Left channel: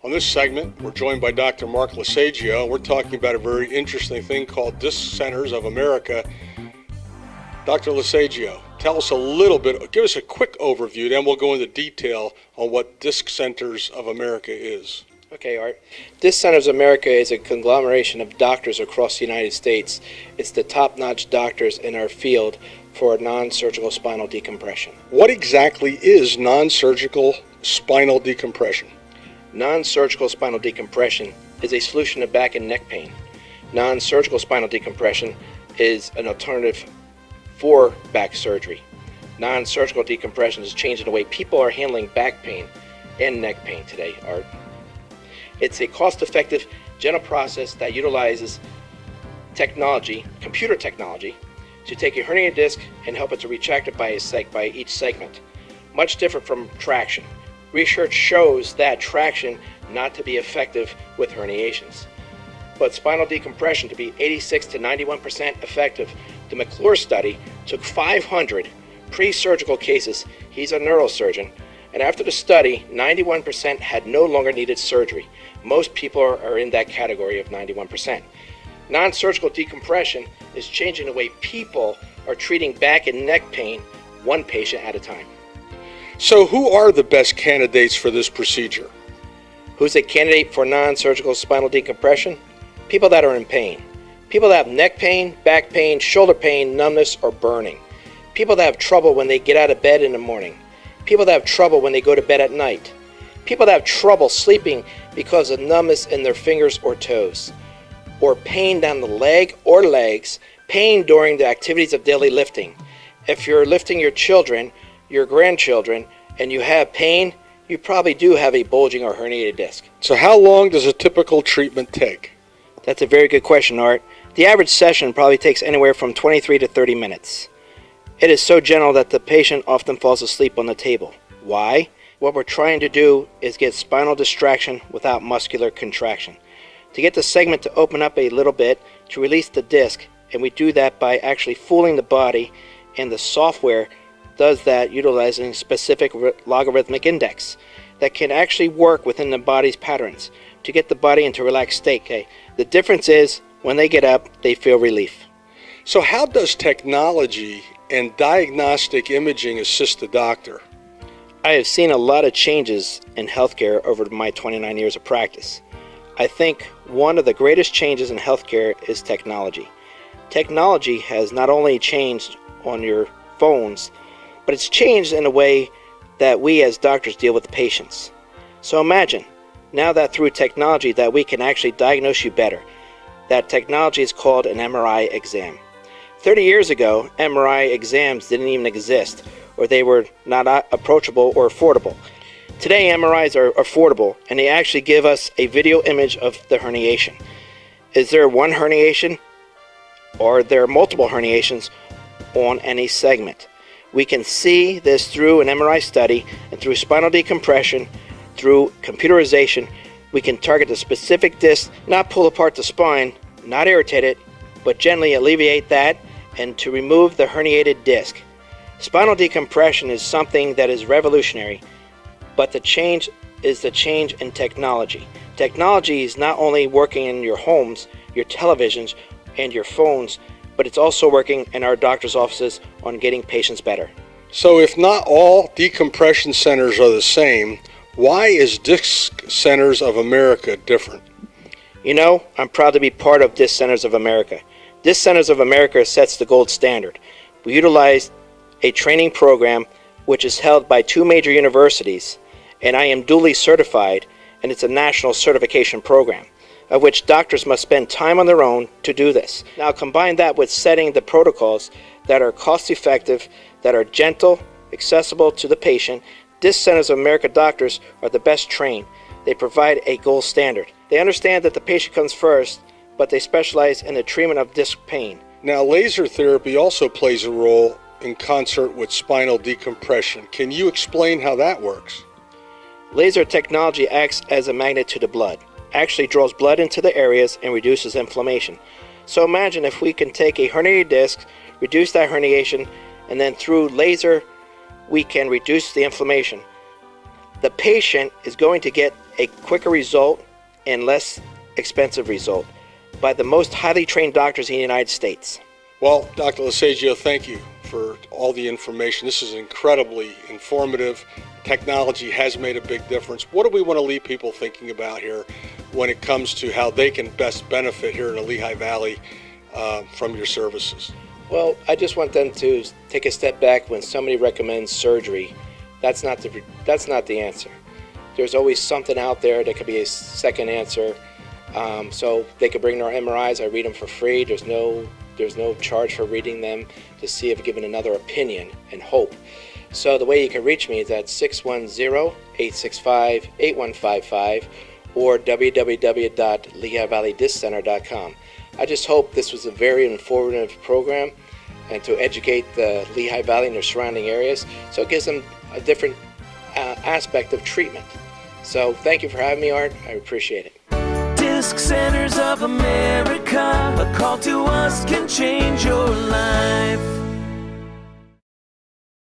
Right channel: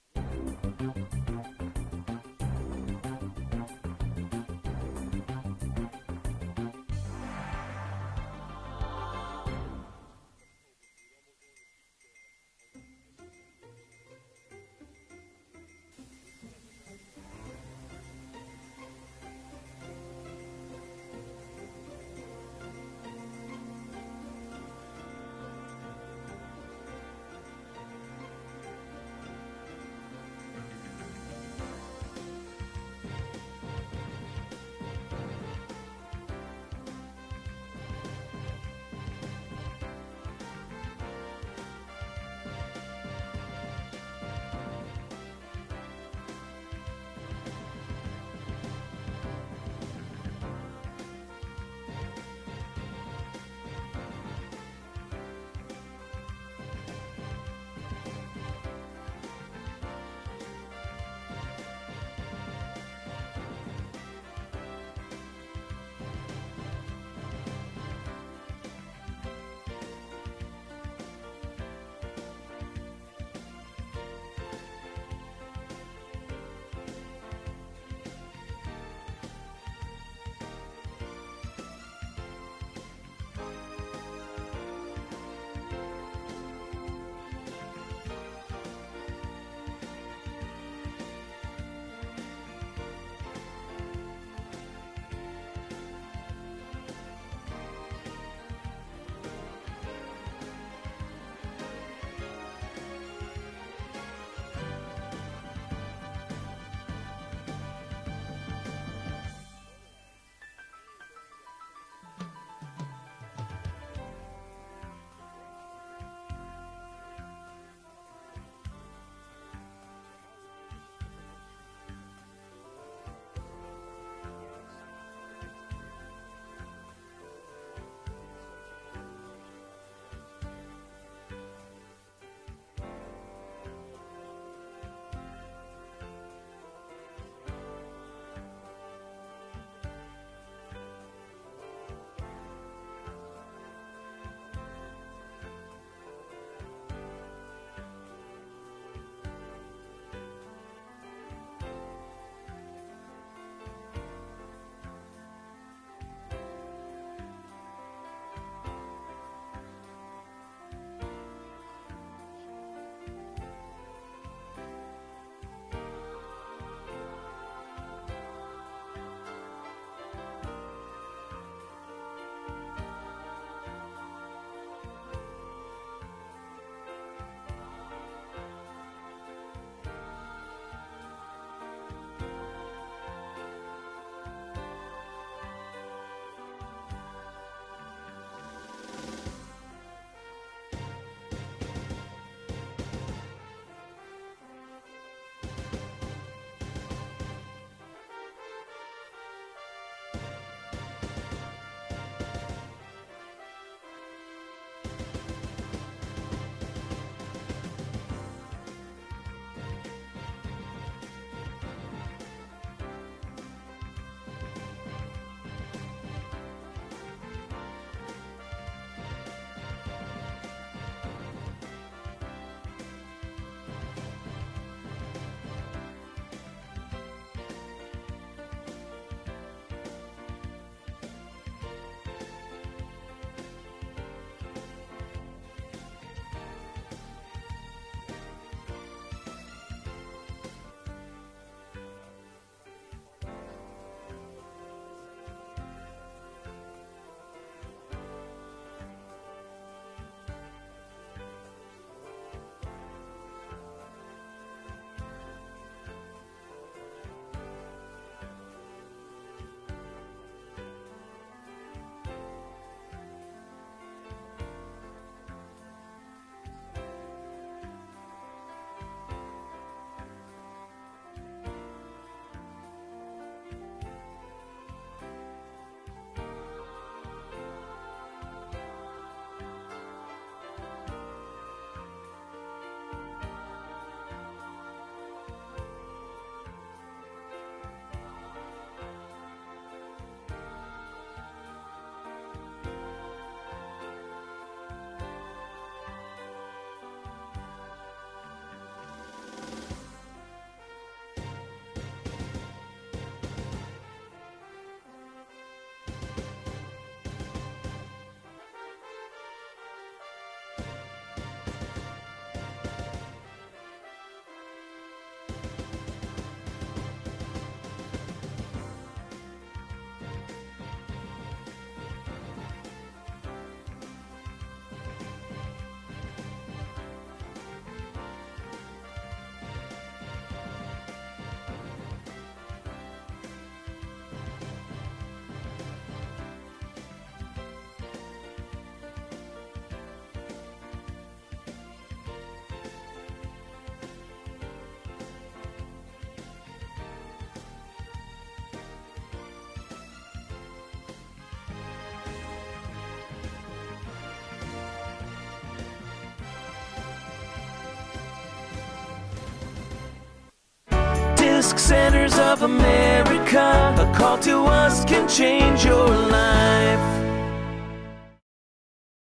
On this segment, we're joined by Dr. Mark Lesagio. We're talking about a very interesting thing called Disc Centers of America. Dr. Lesagio, tell us a little bit, give us a quick overview, then we'll go into detail on what Disc Centers of America is. Okay, Art. Disc Centers of America is a conglomeration of doctors across the United States. It's the top-notch doctors in our field for non-surgical spinal decompression. What exactly is non-surgical spinal decompression? Non-surgical spinal decompression is a solution to back and neck pain. Non-surgical spinal decompression is an alternative for back surgery. Non-surgical decompression is changing the way people are handling back pain and neck pain today, Art. It's a cost-effective, gentle process that utilizes technology, computer technology, to take a herniated disc and help it to retract it by each segment. Much different from traction. Research shows that traction not to be effective with herniations. But spinal decompression to be 86 to 91% effective. The McClure study took 500 pre-surgical cases. He's a neurosurgeon. And after the study, 91% had no longer needed surgery. Most people are in that category of 91%. Non-surgical decompression is changing the way people are treating back and neck pain, one patient at a time. So who are the best candidates for this procedure? Who's a candidate for non-surgical spinal decompression? People that are in pain. People that have neck pain, back pain, shoulder pain, numbness, or burning. People that have trouble when they get out of bed in the morning. People that have trouble when they go to bed at night. People that have trouble sleeping because of numbness in their fingers or toes. Or pain down the leg or legs, pain during the activities of daily lifting. If you're lifting your children, your grandchildren, and you have pain, you probably do have a bulging or herniated disc. So how long does a typical treatment take? That's a very good question, Art. The average session probably takes anywhere from 23 to 30 minutes. It is so gentle that the patient often falls asleep on the table. Why? What we're trying to do is get spinal distraction without muscular contraction. To get the segment to open up a little bit, to release the disc, and we do that by actually fooling the body, and the software does that utilizing a specific logarithmic index that can actually work within the body's patterns to get the body into a relaxed state. Okay? The difference is when they get up, they feel relief. So how does technology and diagnostic imaging assist the doctor? I have seen a lot of changes in healthcare over my 29 years of practice. I think one of the greatest changes in healthcare is technology. Technology has not only changed on your phones, but it's changed in a way that we as doctors deal with the patients. So imagine, now that through technology that we can actually diagnose you better. That technology is called an MRI exam. 30 years ago, MRI exams didn't even exist, or they were not approachable or affordable. Today, MRIs are affordable, and they actually give us a video image of the herniation. Is there one herniation, or are there multiple herniations on any segment? We can see this through an MRI study, and through spinal decompression, through computerization, we can target the specific disc, not pull apart the spine, not irritate it, but gently alleviate that, and to remove the herniated disc. Spinal decompression is something that is revolutionary, but the change is the change in technology. Technology is not only working in your homes, your televisions, and your phones, but it's also working in our doctor's offices on getting patients better. So if not all decompression centers are the same, why is Disc Centers of America different? You know, I'm proud to be part of Disc Centers of America. Disc Centers of America sets the gold standard. We utilize a training program which is held by 2 major universities, and I am duly certified, and it's a national certification program, of which doctors must spend time on their own to do this. Now combine that with setting the protocols that are cost-effective, that are gentle, accessible to the patient. Disc Centers of America doctors are the best trained. They provide a gold standard. They understand that the patient comes first, but they specialize in the treatment of disc pain. Now, laser therapy also plays a role in concert with spinal decompression. Can you explain how that works? Laser technology acts as a magnet to the blood, actually draws blood into the areas and reduces inflammation. So imagine if we can take a herniated disc, reduce that herniation, and then through laser we can reduce the inflammation. the patient is going to get a quicker result and less expensive result by the most highly trained doctors in the United States. Well, Dr. Lesagio, thank you for all the information. This is incredibly informative. Technology has made a big difference. What do we want to leave people thinking about here when it comes to how they can best benefit here in the Lehigh Valley from your services? Well, I just want them to take a step back when somebody recommends surgery. That's not the answer. There's always something out there that could be a second answer. So they could bring their MRIs. I read them for free. There's no charge for reading them to see if given another opinion and hope. So the way you can reach me is at 610-865-8155 or www.lehighvalleydisccenter.com. I just hope this was a very informative program and to educate the Lehigh Valley and their surrounding areas, so it gives them a different aspect of treatment. So thank you for having me, Art. I appreciate it. Disc Centers of America, a call to us can change your life.